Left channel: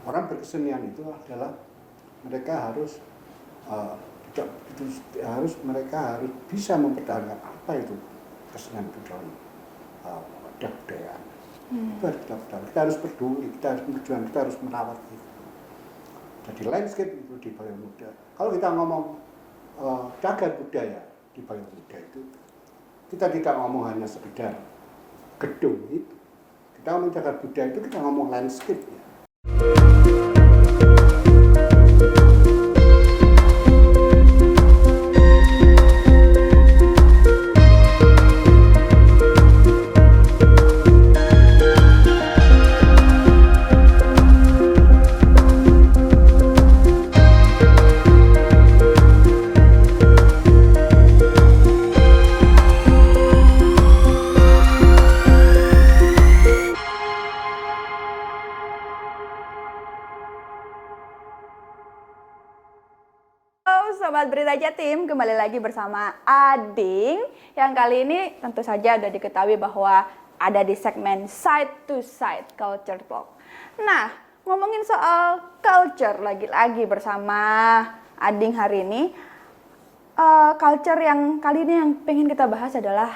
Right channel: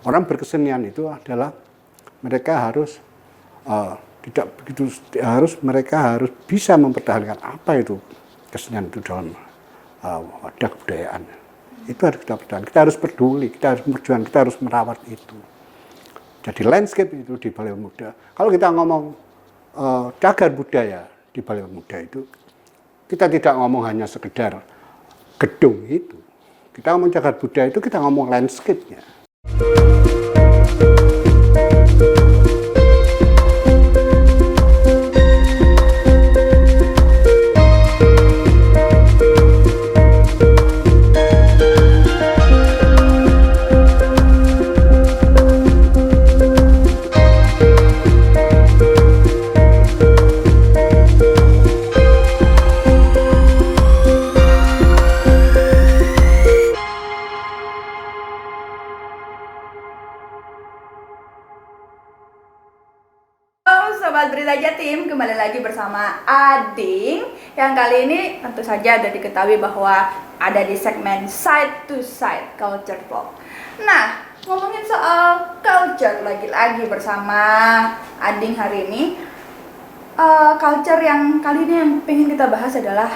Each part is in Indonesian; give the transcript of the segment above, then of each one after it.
orang berkesenian itu adalah mereka harus tidak begitu mereka harus bisa mempertahankan apa itu kesenian itu dalam wadah kebudayaan. Itu harus kita pertahankan. Kita harus peduli, kita harus berjuang, kita harus merawat itu. Jadi landscape itu di Balai Muda. Kalau kita ngomong cagar budaya di Balai Muda itu, kita tidak ngomong hanya sekedar gedung itu. Kita ngomong cagar budaya itu, kita ngomong landscape-nya. Sobat Berita Jatim, kembali lagi bersama Ading yang kali ini tentu saja ada diketahui bahwa ada di segmen Side to Side Culture Talk. Nah, ngomongin soal culture lagi-lagi bersama Ading hari ini, culture yang kali ini yang pengen kita bahas adalah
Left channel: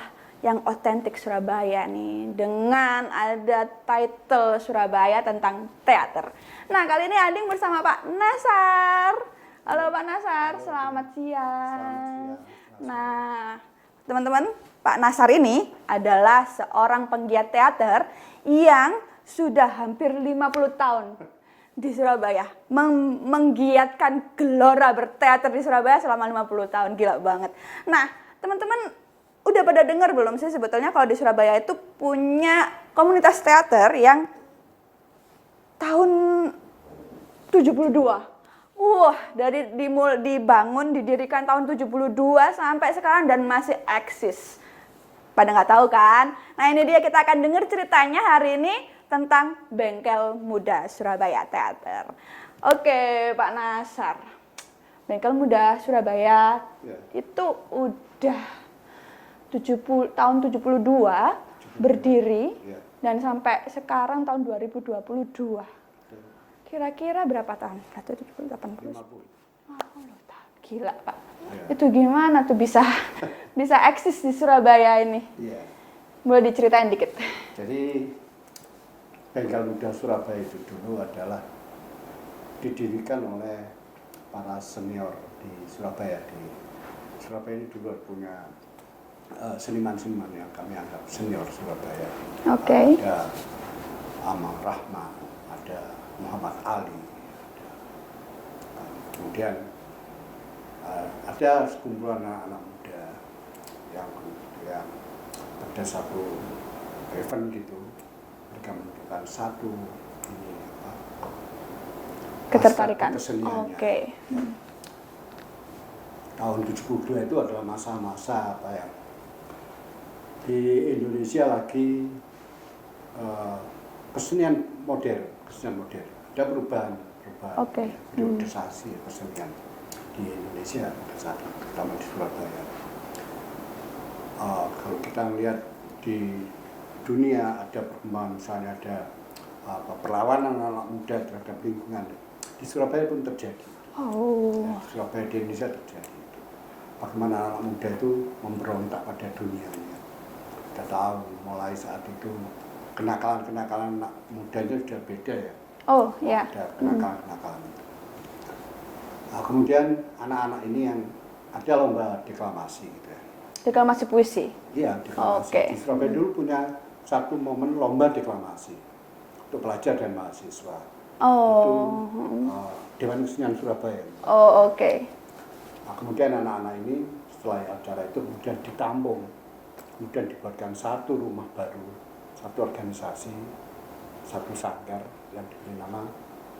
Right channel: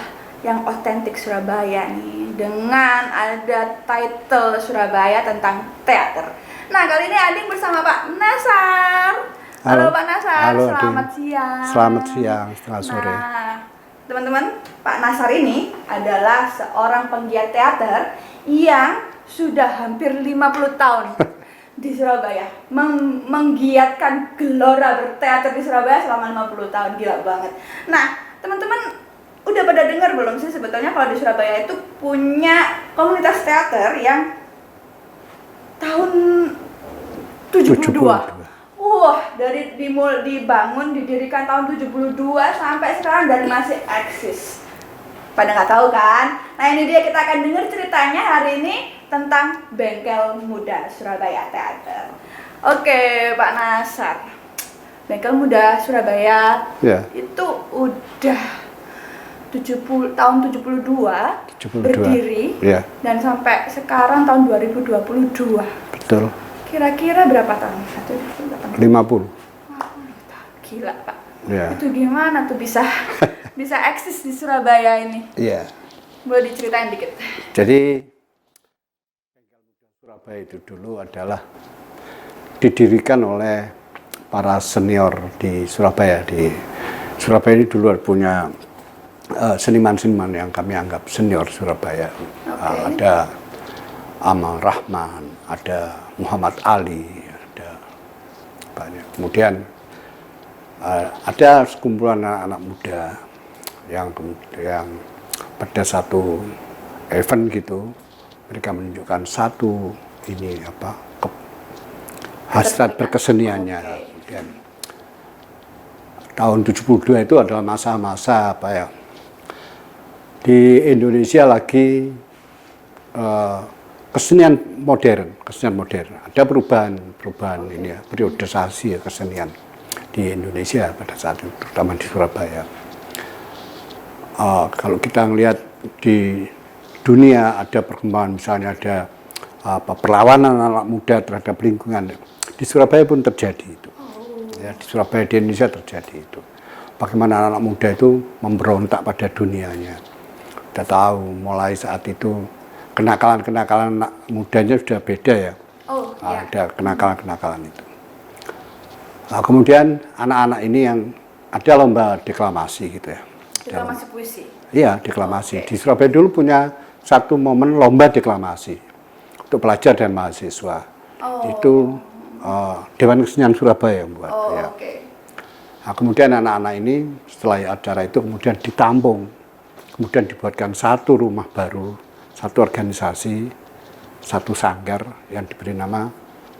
yang otentik Surabaya nih, dengan ada title Surabaya tentang teater. Nah, kali ini Ading bersama Pak Nasar. Halo Pak Nasar, halo, selamat siang. Selamat siang, selamat sore. Nah, teman-teman, Pak Nasar ini adalah seorang penggiat teater yang sudah hampir 50 tahun di Surabaya. Menggiatkan gelora berteater di Surabaya selama 50 tahun, gila banget. Nah, teman-teman udah pada dengar belum sih sebetulnya kalau di Surabaya itu punya komunitas teater yang tahun 72. Wah, dari dibangun, didirikan tahun 72 sampai sekarang dan masih eksis. Pada nggak tahu kan? Nah, ini dia, kita akan dengar ceritanya hari ini tentang Bengkel Muda Surabaya Teater. Oke, Pak Nasar. Bengkel Muda Surabaya itu udah tahun 72 berdiri dan sampai sekarang tahun 2022. Betul. Kira-kira berapa tahun? 50. Gila, Pak. Ya. Itu gimana tuh bisa eksis di Surabaya ini? Iya. Boleh diceritain dikit? Jadi Bengkel Muda Surabaya itu dulu adalah didirikan oleh para senior di Surabaya. Di Surabaya ini dulu punya seniman-seniman yang kami anggap senior Surabaya. Ada Amal Rahman, ada Muhammad Ali, ada banyak. Kemudian ada sekumpulan anak-anak muda yang pada satu event gitu mereka menunjukkan satu hasrat berkeseniannya. Kemudian, tahun 72 itu adalah masa-masa di Indonesia lagi kesenian modern. Ada perubahan ini ya, periodisasi kesenian di Indonesia pada saat itu, terutama di Surabaya. Kalau kita melihat di dunia ada perkembangan, misalnya ada perlawanan anak muda terhadap lingkungan, di Surabaya pun terjadi itu. Ya, di Surabaya, di Indonesia terjadi itu. Bagaimana anak muda itu memberontak pada dunianya. Kita tahu mulai saat itu kenakalan anak mudanya sudah beda ya. Ada kenakalan itu. Nah, kemudian anak-anak ini yang ada lomba deklamasi gitu ya. Deklamasi puisi? Iya, deklamasi. Di Surabaya dulu punya satu momen lomba deklamasi untuk pelajar dan mahasiswa. Itu Dewan Kesenian Surabaya yang buat. Nah, kemudian anak-anak ini setelah acara itu kemudian ditampung. Kemudian dibuatkan satu rumah baru, satu organisasi, satu sanggar yang diberi nama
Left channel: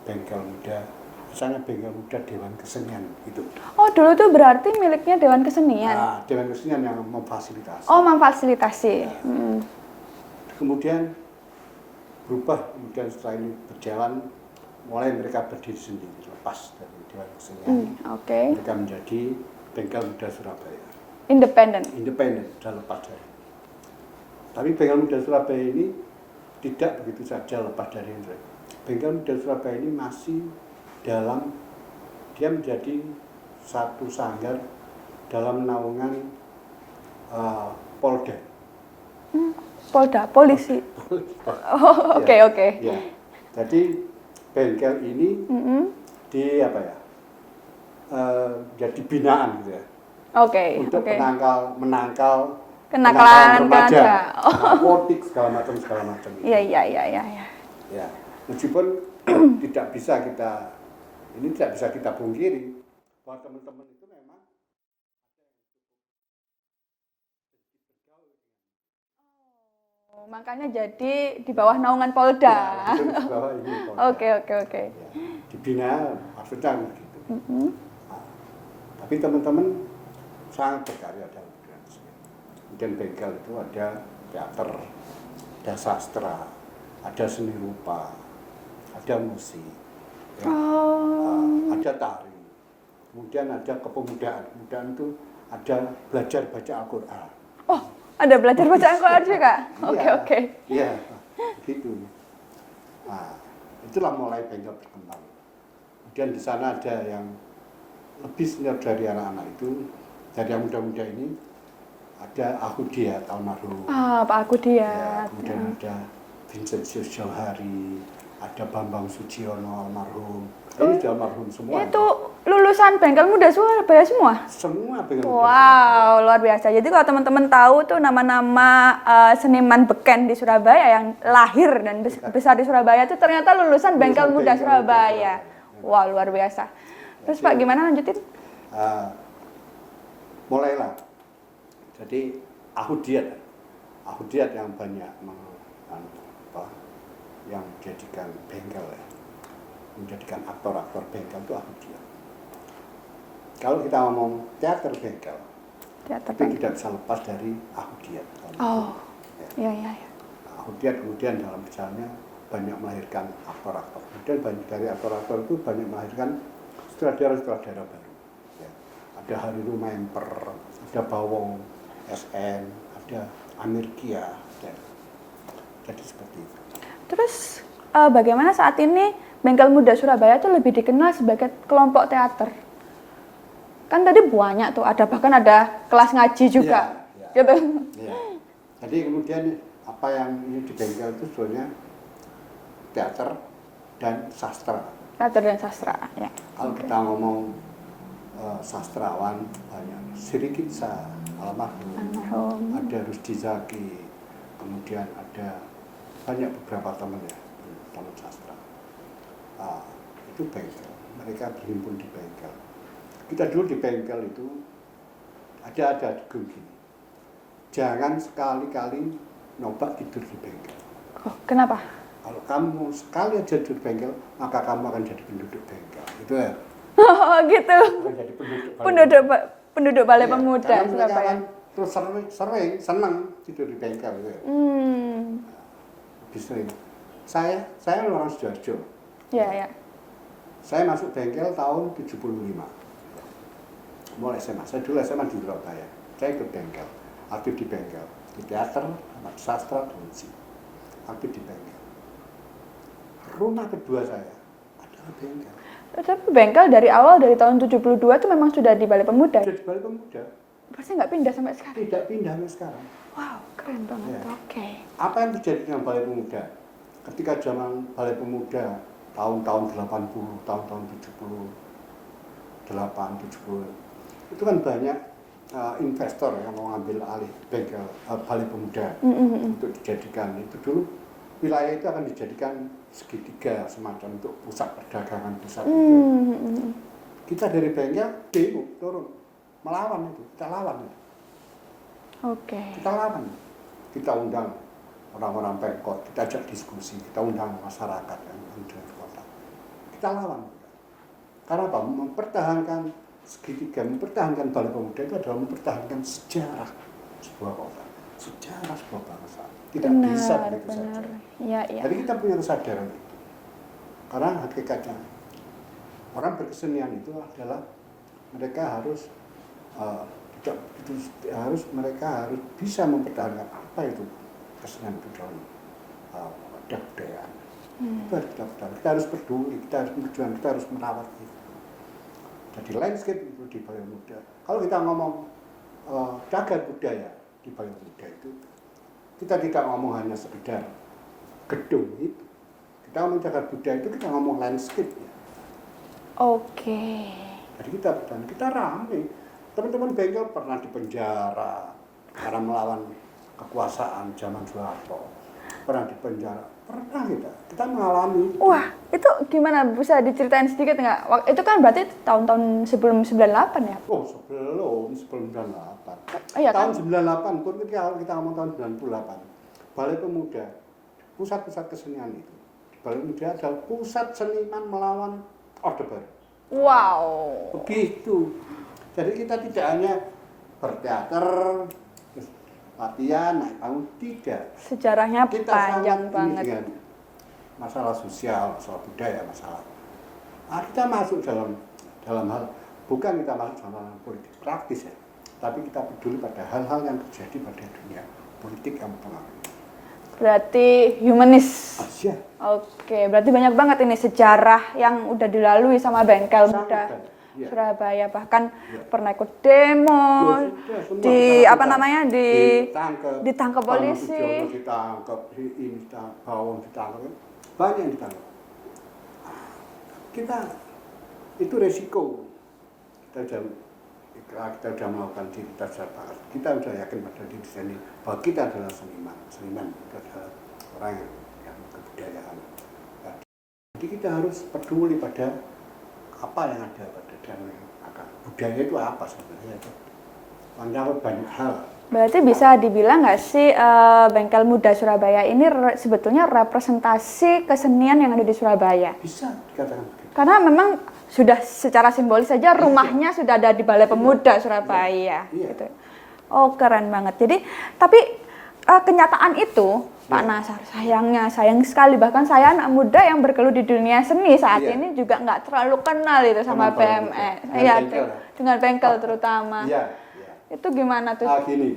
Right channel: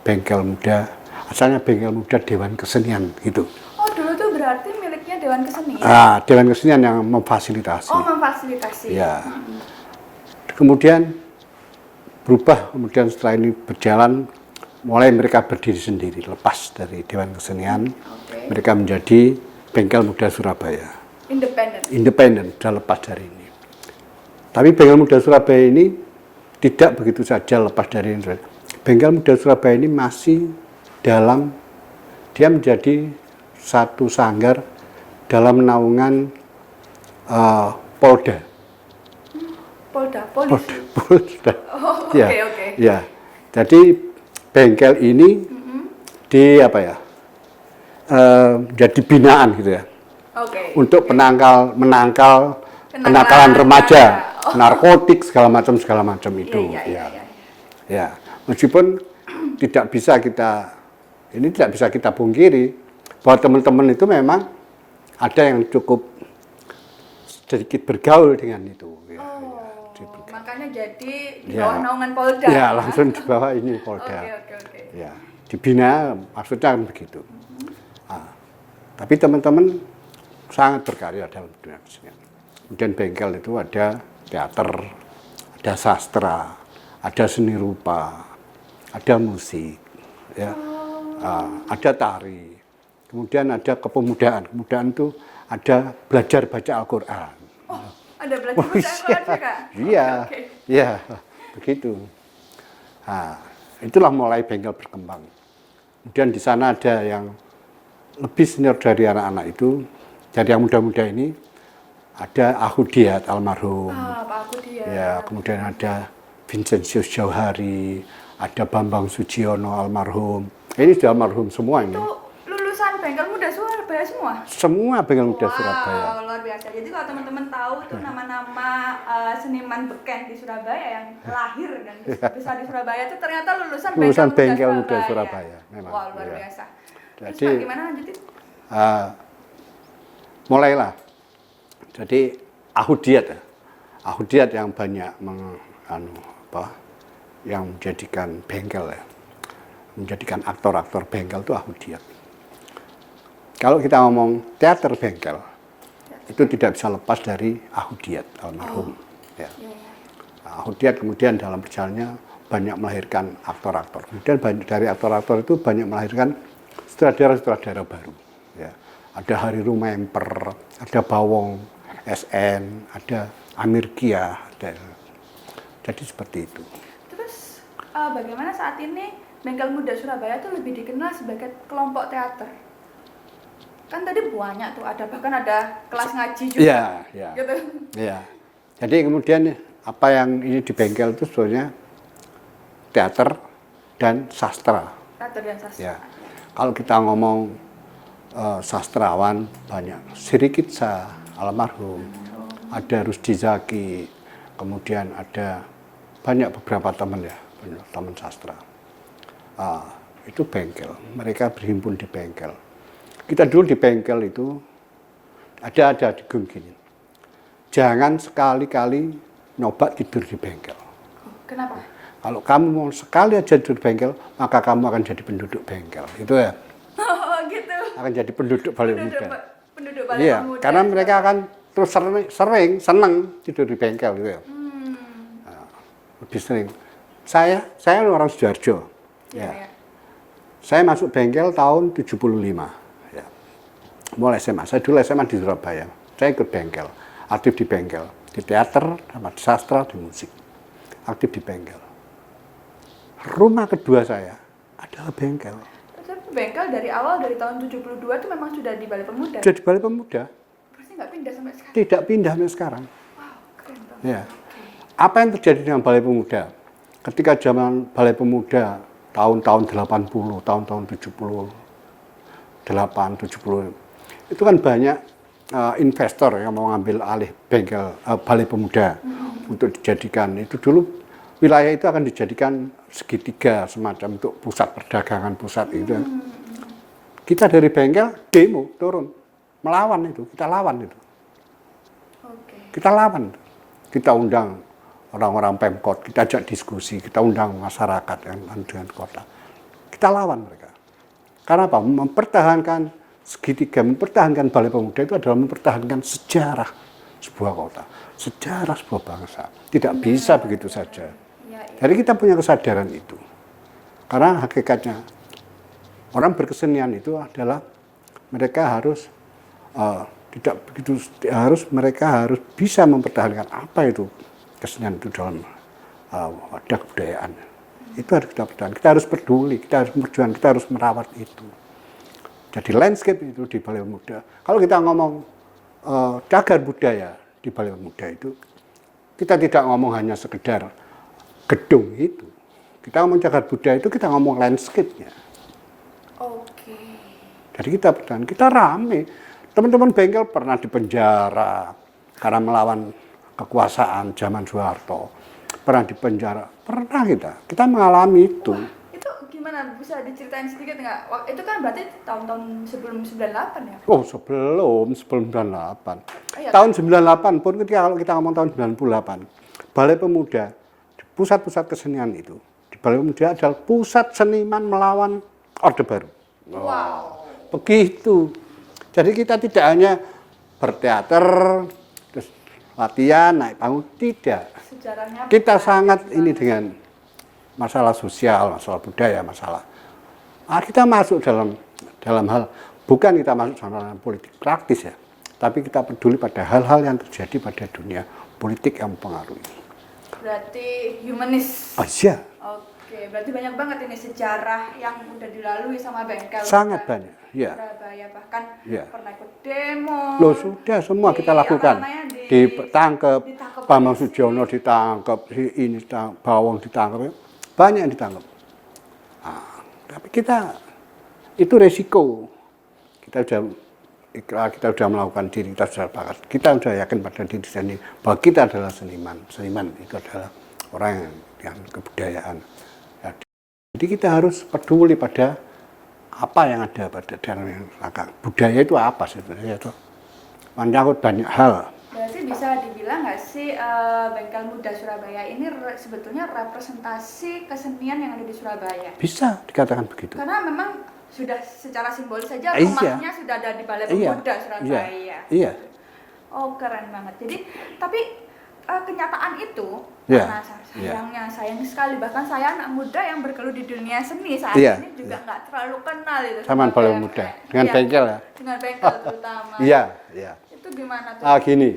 Bengkel Muda. Asalnya Bengkel Muda Dewan Kesenian gitu. Oh, dulu tuh berarti miliknya Dewan Kesenian? Dewan Kesenian yang memfasilitasi. Oh, memfasilitasi. Ya. Kemudian berubah, kemudian setelah ini berjalan, mulai mereka berdiri sendiri, lepas dari Dewan Kesenian. Mereka menjadi Bengkel Muda Surabaya. Independen, sudah lepas dari ini. Tapi Bengkel Muda Surabaya ini tidak begitu saja lepas dari ini. Bengkel Muda Surabaya ini masih dia menjadi satu sanggar dalam naungan Polda. Polisi. Polda. Oh, Ya, oke. ya. Jadi bengkel ini di apa ya? Jadi binaan gitu ya. Oke. Untuk menangkal Kenakalan kenakalan remaja, remaja. narkotik segala macam itu. Iya. Ya, meskipun tidak bisa kita pungkiri bahwa teman-teman itu memang ada yang cukup sedikit bergaul dengan itu. Ya, Makanya jadi di bawah naungan Polda. Ya, langsung di bawah ini Polda. Oke. Ya, dibina maksudnya begitu. Tapi teman-teman sangat berkarya dalam dunia kesenian. Kemudian bengkel itu ada teater, ada sastra, ada seni rupa, ada musik, ya, ada tari, kemudian ada kepemudaan. Kepemudaan itu ada belajar baca Al-Quran. Oh, ada belajar baca Al-Quran juga? Iya, Oke. iya, begitu. Nah, itulah mulai bengkel berkembang. Kemudian di sana ada yang lebih senior dari anak-anak itu, dari yang muda-muda ini, ada Ahudiat almarhum. Pak Ahudiat. Ya, kemudian ada Vincentius Jauhari, ada Bambang Sujiono almarhum. Ini sudah almarhum semua ini. Itu lulusan Bengkel Muda Surabaya semua? Semua bengkel muda Surabaya. Wow, luar biasa. Jadi kalau teman-teman tahu tuh nama-nama seniman beken di Surabaya yang lahir dan besar di Surabaya itu ternyata lulusan Bengkel Muda Surabaya. Wah, luar biasa. Terus Jadi, Pak, gimana lanjutin? Mulailah. Jadi Ahudiat yang banyak yang menjadikan bengkel ya, menjadikan aktor-aktor bengkel itu Ahudiat. Kalau kita ngomong teater bengkel, itu tidak bisa lepas dari Ahudiat almarhum. Ya. Ahudiat kemudian dalam perjalanannya banyak melahirkan aktor-aktor. Kemudian dari aktor-aktor itu banyak melahirkan sutradara-sutradara baru. Ya. Ada Hari Rumemper, ada Bawong SN, ada Amir Kia, jadi seperti itu. Terus bagaimana saat ini Bengkel Muda Surabaya itu lebih dikenal sebagai kelompok teater? Kan tadi banyak tuh, bahkan ada kelas ngaji juga. Iya. Gitu. Ya. Jadi kemudian apa yang ini di bengkel itu sebetulnya teater dan sastra. Teater dan sastra. Ya. Kalau kita ngomong sastrawan banyak, Sirikitsa almarhum, ada Rusdi Zaki, kemudian ada banyak beberapa teman ya, teman sastra. Itu bengkel, mereka berhimpun di bengkel. Kita dulu di bengkel itu ada gini, jangan sekali-kali nyoba tidur di bengkel. Oh, kenapa? Kalau kamu mau sekali aja tidur di bengkel, maka kamu akan jadi penduduk bengkel. Itu ya. Oh, gitu. Akan jadi penduduk Balai iya, Pemuda. karena mereka akan terus seneng tidur di bengkel gitu ya. Lebih sering. Saya orang Sidoarjo. Iya. Saya masuk bengkel tahun 75. Ya. Mulai SMA. Saya dulu SMA di Surabaya. Saya ikut bengkel, aktif di bengkel, di teater, sama di sastra, di musik. Aktif di bengkel. Rumah kedua saya adalah bengkel. Tapi bengkel dari awal, dari tahun 72 itu memang sudah di Balai Pemuda? Sudah di Balai Pemuda. Pasti nggak pindah sampai sekarang? Tidak pindah sampai sekarang. Wow, keren banget. Ya. Oke. Apa yang terjadi dengan Balai Pemuda? Ketika zaman Balai Pemuda, tahun-tahun 80, tahun-tahun 70, 70, itu kan banyak investor yang mau ngambil alih bengkel Balai Pemuda untuk dijadikan. Itu dulu wilayah itu akan dijadikan segitiga semacam untuk pusat perdagangan itu. Kita dari bengkel demo turun melawan itu, kita lawan itu. Oke. Kita lawan, kita undang orang-orang Pemkot, kita ajak diskusi, kita undang masyarakat yang dengan kota, kita lawan mereka. Karena apa? Mempertahankan segitiga, mempertahankan Balai Pemuda itu adalah mempertahankan sejarah sebuah kota, sejarah sebuah bangsa. Tidak bisa begitu saja. Ya. Jadi kita punya kesadaran itu. Karena hakikatnya orang berkesenian itu adalah mereka harus mereka harus bisa mempertahankan apa itu kesenian itu dalam wadah kebudayaan. Itu harus kita pertahankan. Kita harus peduli, kita harus berjuang, kita harus merawat itu. Jadi landscape itu di Balai Pemuda. Kalau kita ngomong cagar budaya di Balai Pemuda itu, kita tidak ngomong hanya sekedar gedung itu. Kita ngomong cagar budaya itu, kita ngomong landscape-nya. Oke. Jadi kita pertahankan, kita rame. Teman-teman bengkel pernah dipenjara karena melawan kekuasaan zaman Soeharto. Pernah dipenjara, pernah kita mengalami itu. Wah, itu gimana? Bisa diceritain sedikit nggak? Itu kan berarti tahun-tahun sebelum 98 ya? Oh, sebelum 98. Oh, iya, Tahun 98 pun ketika kalau kita ngomong tahun 98, Balai Pemuda, pusat-pusat kesenian itu, di Balai Pemuda adalah pusat seniman melawan Orde Baru. Wow. Begitu. Jadi kita tidak hanya berteater, terus latihan, naik panggung, tidak. Sejarahnya Kita panjang sangat ini banget. dengan masalah sosial, masalah budaya, masalah. Kita masuk dalam hal, bukan kita masuk dalam politik praktis ya, tapi kita peduli pada hal-hal yang terjadi pada dunia politik yang mempengaruhi. Berarti humanis. Iya. Oke, berarti banyak banget ini sejarah yang udah dilalui sama bengkel Sangat muda banyak. Ya. Surabaya, bahkan Ya. pernah ikut demo. Loh, sudah semua di, kita lakukan. Apa namanya, ditangkap Bambang polisi. Sudiono ditangkap, ini ditangkap, Bawang ditangkap, banyak yang ditangkap. Tapi kita itu resiko. Kita sudah melakukan diri, kita sudah bakat. Kita sudah yakin pada diri sendiri bahwa kita adalah seniman. Seniman itu adalah orang yang kebudayaan. Jadi kita harus peduli pada apa yang ada pada dalam belakang. Budaya itu apa sebenarnya? Itu menyangkut banyak hal. Berarti bisa dibilang nggak sih Bengkel Muda Surabaya ini sebetulnya representasi kesenian yang ada di Surabaya? Bisa dikatakan begitu. Karena memang sudah secara simbolis saja rumahnya sudah ada di Balai Pemuda Surabaya. Iya. Gitu. Oh, keren banget. Jadi tapi kenyataan itu karena sayangnya sayang sekali, bahkan saya anak muda yang bergelut di dunia seni saat ini juga nggak terlalu kenal itu sama BMX. Dengan bengkel ya? Dengan bengkel terutama. Iya. Itu gimana tuh? Gini,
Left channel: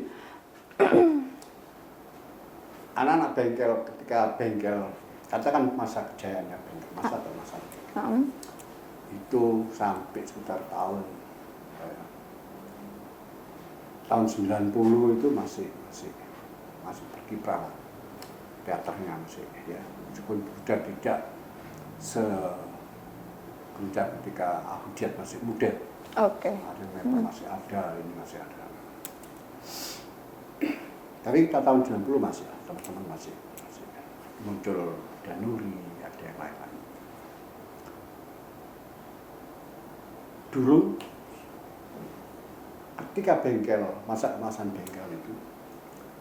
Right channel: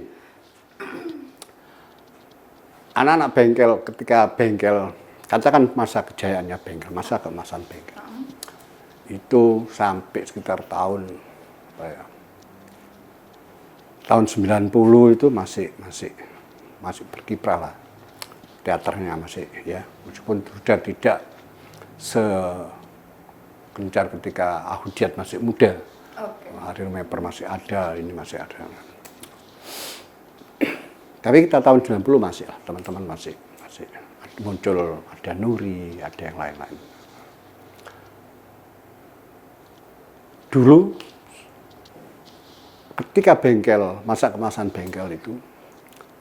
anak-anak bengkel ketika bengkel, katakan masa kejayaannya bengkel, masa keemasan bengkel, itu sampai sekitar tahun 90 itu masih berkiprah lah, teaternya masih ya, meskipun sudah tidak segencar ketika Ahudiyat masih muda. Ariel Meper masih ada, ini masih ada. Tapi kita tahun 90 masih lah, teman-teman masih muncul, ada Nuri, ada yang lain-lain. Dulu ketika bengkel, masa kemasan bengkel itu,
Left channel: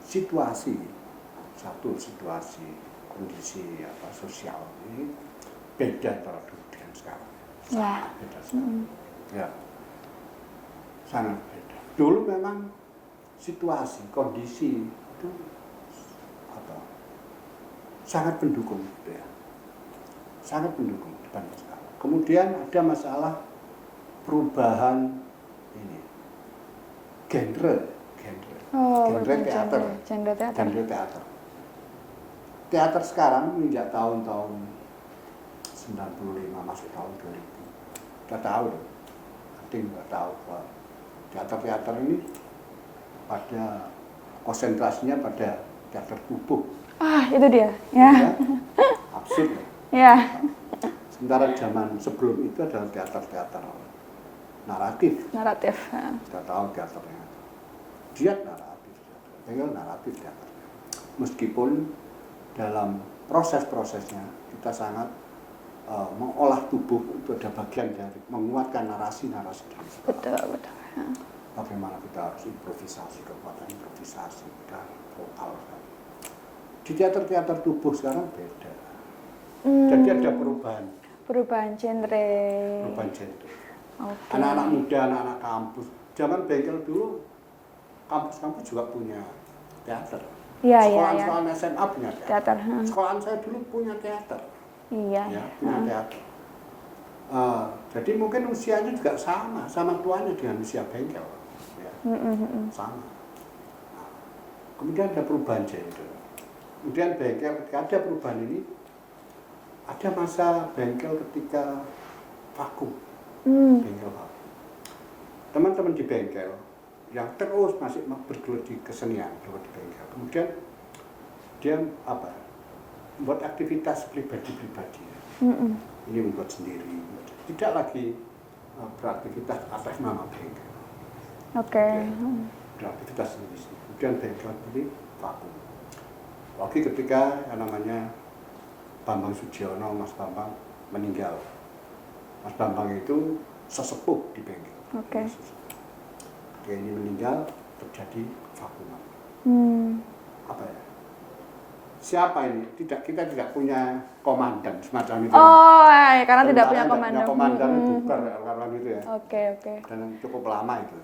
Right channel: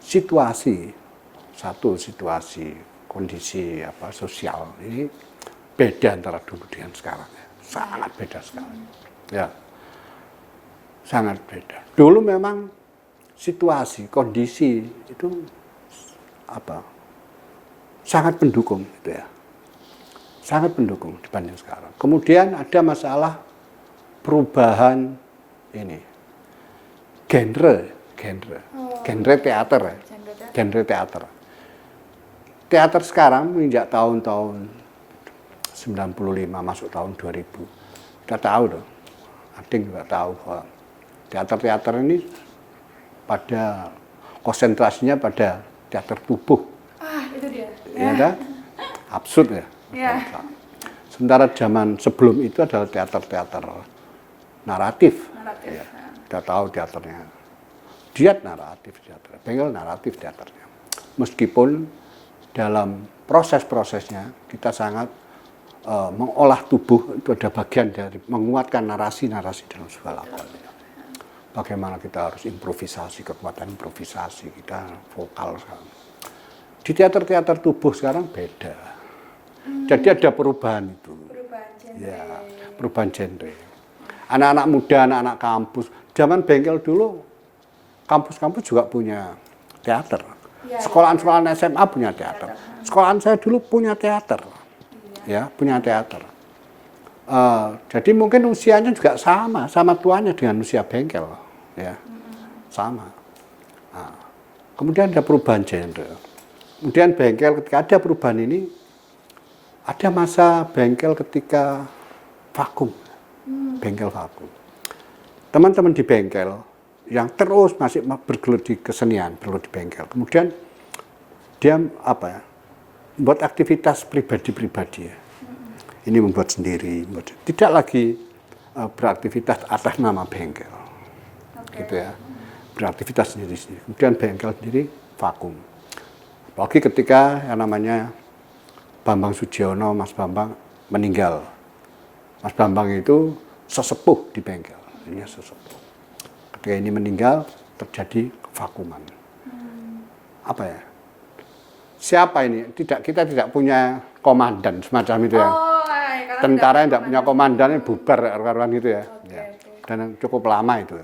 situasi kondisi sosial ini beda antara dulu dengan sekarang ya. Sangat beda sekarang. Ya. Sangat beda. Dulu memang situasi, kondisi itu sangat pendukung gitu ya. Sangat pendukung dibanding sekarang. Kemudian ada masalah perubahan ini. Genre teater. Teater sekarang menginjak tahun-tahun 95 masuk tahun 2000. Kita tahu dong. Ading juga tahu bahwa teater ini pada konsentrasinya pada teater tubuh. Itu dia. Ya. Absurd ya. Ya. Sementara zaman sebelum itu adalah teater naratif. Kita tahu teaternya. Diat naratif teater, bengkel naratif teaternya. Meskipun dalam proses-prosesnya kita sangat mengolah tubuh, itu ada bagian dari menguatkan narasi-narasi dalam sebuah Betul. Bagaimana kita harus improvisasi, kekuatan improvisasi kita vokal sekarang. Di teater tubuh sekarang beda. Jadi ada perubahan itu. Perubahan genre. Ya, perubahan genre. Anak-anak muda, anak-anak kampus. Zaman bengkel dulu, kampus-kampus juga punya teater. Sekolahan SMA punya teater. Sekolahan saya dulu punya teater. Ya, punya teater. Jadi mungkin usianya juga sama tuanya dengan usia bengkel, ya, sama. Kemudian ada perubahan genre. Kemudian bengkel ketika ada perubahan ini, ada masa bengkel ketika vakum, bengkel vakum. Teman-teman di bengkel yang terus masih bergelut di kesenian, bergelut di bengkel. Kemudian dia membuat aktivitas pribadi-pribadi ya. Ini membuat sendiri, tidak lagi beraktivitas atas nama bengkel. Oke. Gitu ya. Beraktivitas sendiri-sendiri. Kemudian bengkel sendiri vakum. Apalagi ketika yang namanya Bambang Sujiono, Mas Bambang meninggal. Mas Bambang itu sesepuh di bengkel. Ini sesepuh. Ketika ini meninggal, terjadi vakuman. Apa ya? Siapa ini? Kita tidak punya komandan semacam itu ya. Oh, ya, karena tentara yang tidak tidak punya komandan bubar karuan gitu ya. Oke. Dan yang cukup lama itu.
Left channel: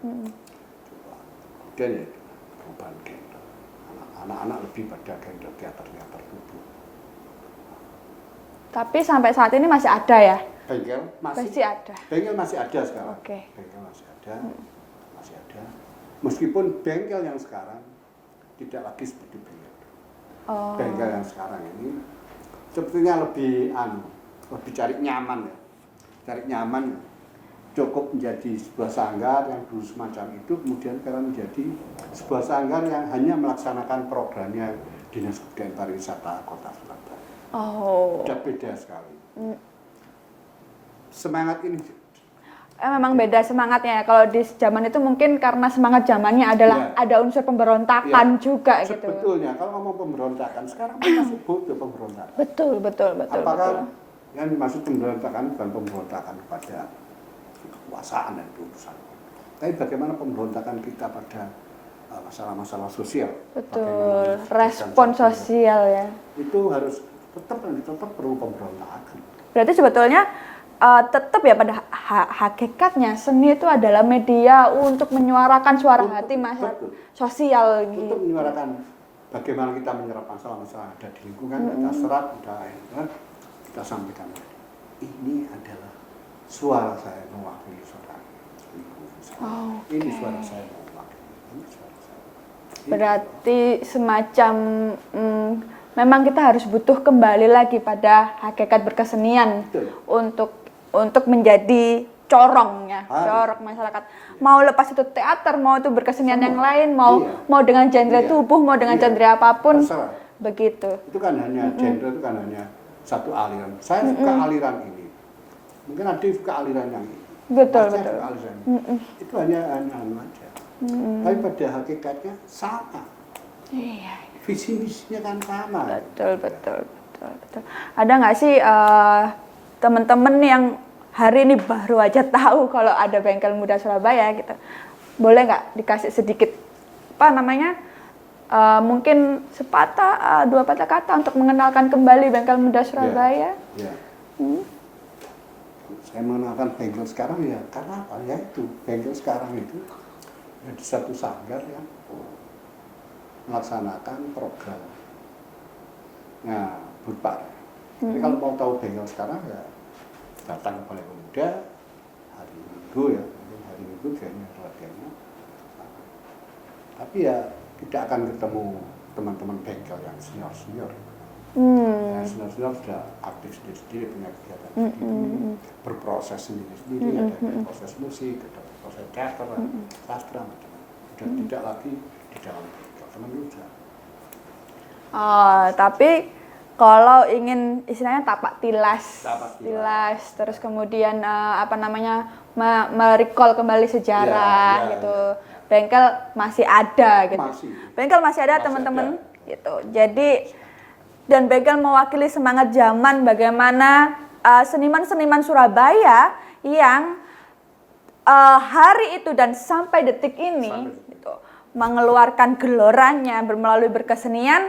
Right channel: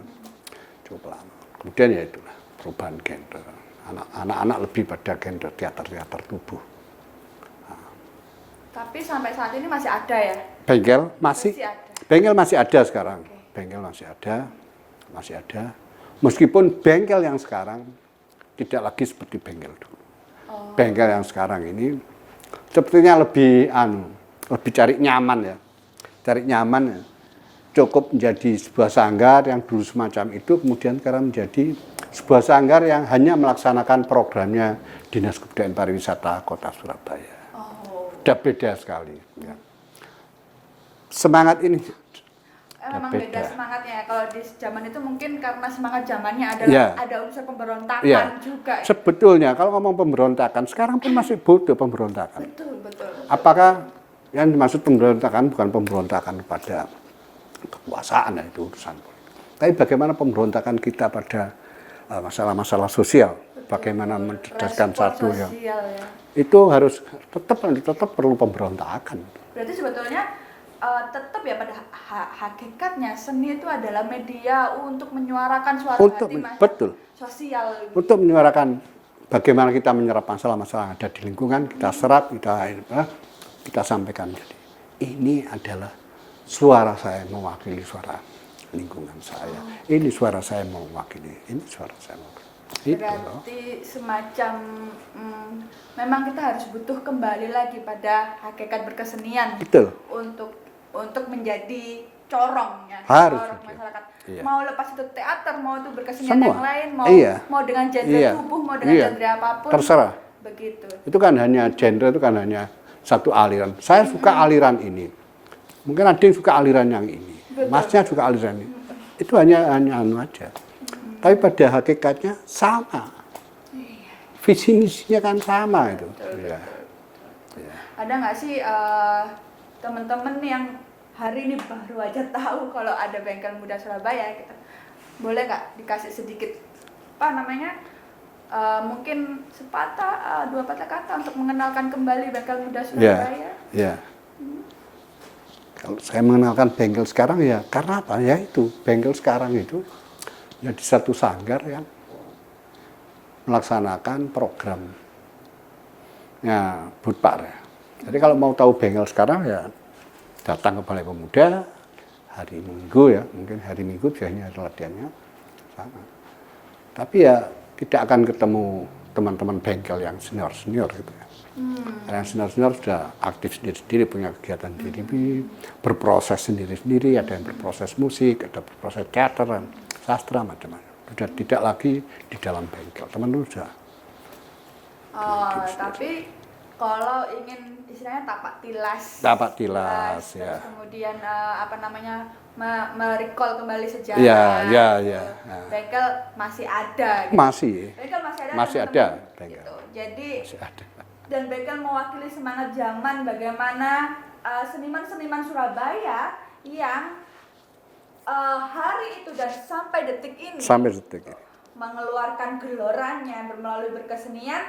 Cukup lama. Kemudian ya itu perubahan gender. Anak-anak lebih pada gender teater tubuh. Tapi sampai saat ini masih ada ya? Bengkel masih ada. Bengkel masih ada sekarang. Bengkel masih ada. Masih ada. Meskipun bengkel yang sekarang tidak lagi seperti bengkel dulu. Bengkel yang sekarang ini sepertinya lebih cari nyaman ya. Cari nyaman ya. Cukup menjadi sebuah sanggar yang dulu semacam itu, kemudian sekarang menjadi sebuah sanggar yang hanya melaksanakan programnya Dinas Kebudayaan Pariwisata Kota Surabaya. Udah beda sekali. Ya. Semangat ini memang beda semangatnya. Kalau di zaman itu mungkin karena semangat zamannya adalah ada unsur pemberontakan juga. Sebetulnya kalau ngomong pemberontakan, sekarang pun masih bodoh pemberontakan. Betul. Apakah yang dimaksud pemberontakan bukan pemberontakan pada kekuasaan, itu urusan. Tapi bagaimana pemberontakan kita pada masalah-masalah sosial, bagaimana mencerdaskan sosial ya. Itu harus tetap perlu pemberontakan. Berarti sebetulnya tetap ya pada hakikatnya seni itu adalah media untuk menyuarakan suara hati masyarakat sosial. Untuk menyuarakan bagaimana kita menyerap masalah-masalah yang ada di lingkungan, kita serap, kita sampaikan. Jadi ini adalah suara saya mewakili suara lingkungan saya. Ini suara saya mewakili. Ini suara saya mewakili. Berarti semacam memang kita harus butuh kembali lagi pada hakikat berkesenian. Betul. Untuk menjadi corongnya, corong masyarakat. Iya. Mau lepas itu teater, mau itu berkesenian Semua. yang lain, mau dengan genre tubuh, mau dengan genre apapun. Terserah. Begitu. Itu kan hanya genre, itu kan hanya satu aliran. Saya suka aliran ini. Mungkin ada yang suka aliran yang ini. Masnya suka aliran ini. Itu hanya aja. Tapi pada hakikatnya sama. Iya. Visi misinya kan sama. Betul. Ada nggak sih teman-teman yang hari ini baru aja tahu kalau ada Bengkel Muda Surabaya gitu? Boleh nggak dikasih sedikit mungkin sepatah, dua patah kata untuk mengenalkan kembali Bengkel Muda Surabaya? Ya. Kalau saya mengenalkan bengkel sekarang ya karena apa? Ya itu bengkel sekarang itu jadi satu sanggar yang melaksanakan programnya Budpar. Jadi kalau mau tahu bengkel sekarang ya datang ke Balai Pemuda hari Minggu ya, mungkin hari Minggu biasanya latihannya sama. Tapi ya tidak akan ketemu teman-teman bengkel yang senior gitu ya. Yang senior sudah aktif sendiri-sendiri, punya kegiatan sendiri, berproses sendiri-sendiri, ada yang berproses musik, ada berproses teater, sastra, macam-macam. Sudah tidak lagi di dalam bengkel, teman-teman sudah. Tapi kalau ingin istilahnya tapak tilas, terus kemudian merecall kembali sejarah gitu. Bengkel masih ada gitu. Bengkel masih ada teman-teman gitu. Jadi dan bengkel mewakili semangat zaman bagaimana seniman-seniman Surabaya yang hari itu dan sampai detik ini mengeluarkan geloranya melalui berkesenian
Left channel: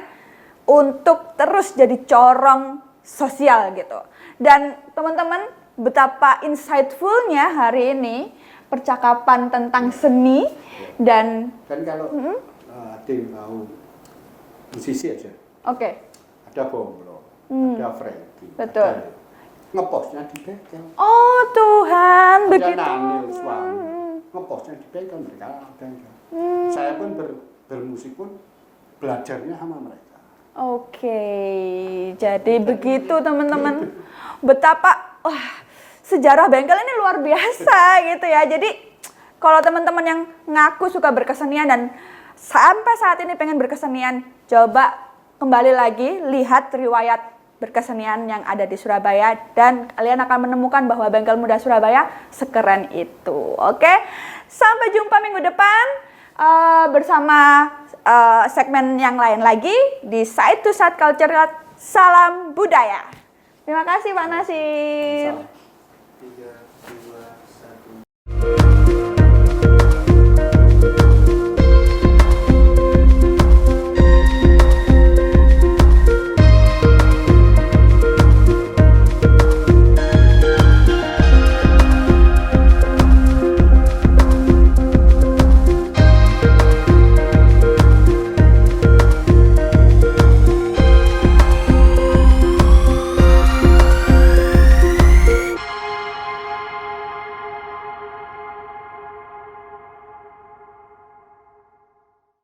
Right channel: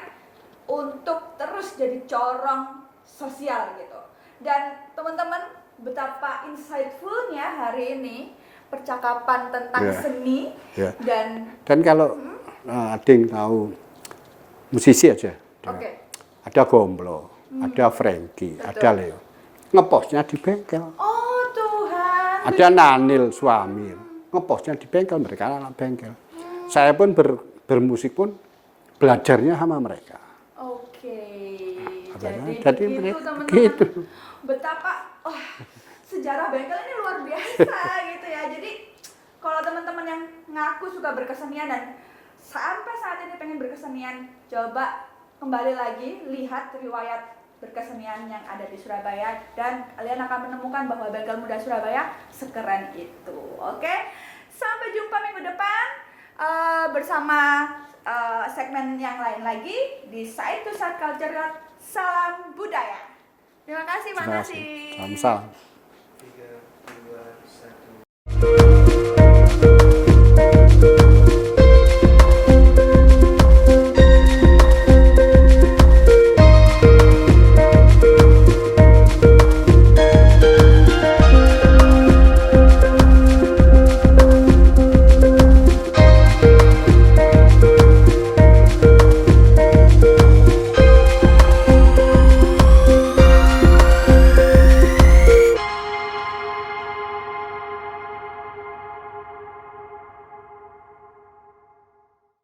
untuk terus jadi corong sosial gitu. Dan teman-teman, betapa insightful-nya hari ini percakapan tentang seni dan kalau ada yang tahu musisi aja. Ada Gomblo, ada Frankie, ada Leo. Ngepostnya di bengkel. Oh Tuhan. Ada Nanil suami. Ngepostnya di bengkel, mereka anak bengkel. Saya pun bermusik pun belajarnya sama mereka. Oke, jadi begitu teman-teman. begitu. Betapa sejarah bengkel ini luar biasa gitu ya. Jadi kalau teman-teman yang ngaku suka berkesenian dan sampai saat ini pengen berkesenian, coba kembali lagi lihat riwayat berkesenian yang ada di Surabaya dan kalian akan menemukan bahwa Bengkel Muda Surabaya sekeren itu. Oke, sampai jumpa minggu depan bersama segmen yang lain lagi di Side to Side Culture. Salam budaya. Terima kasih Pak Nasim. Salam.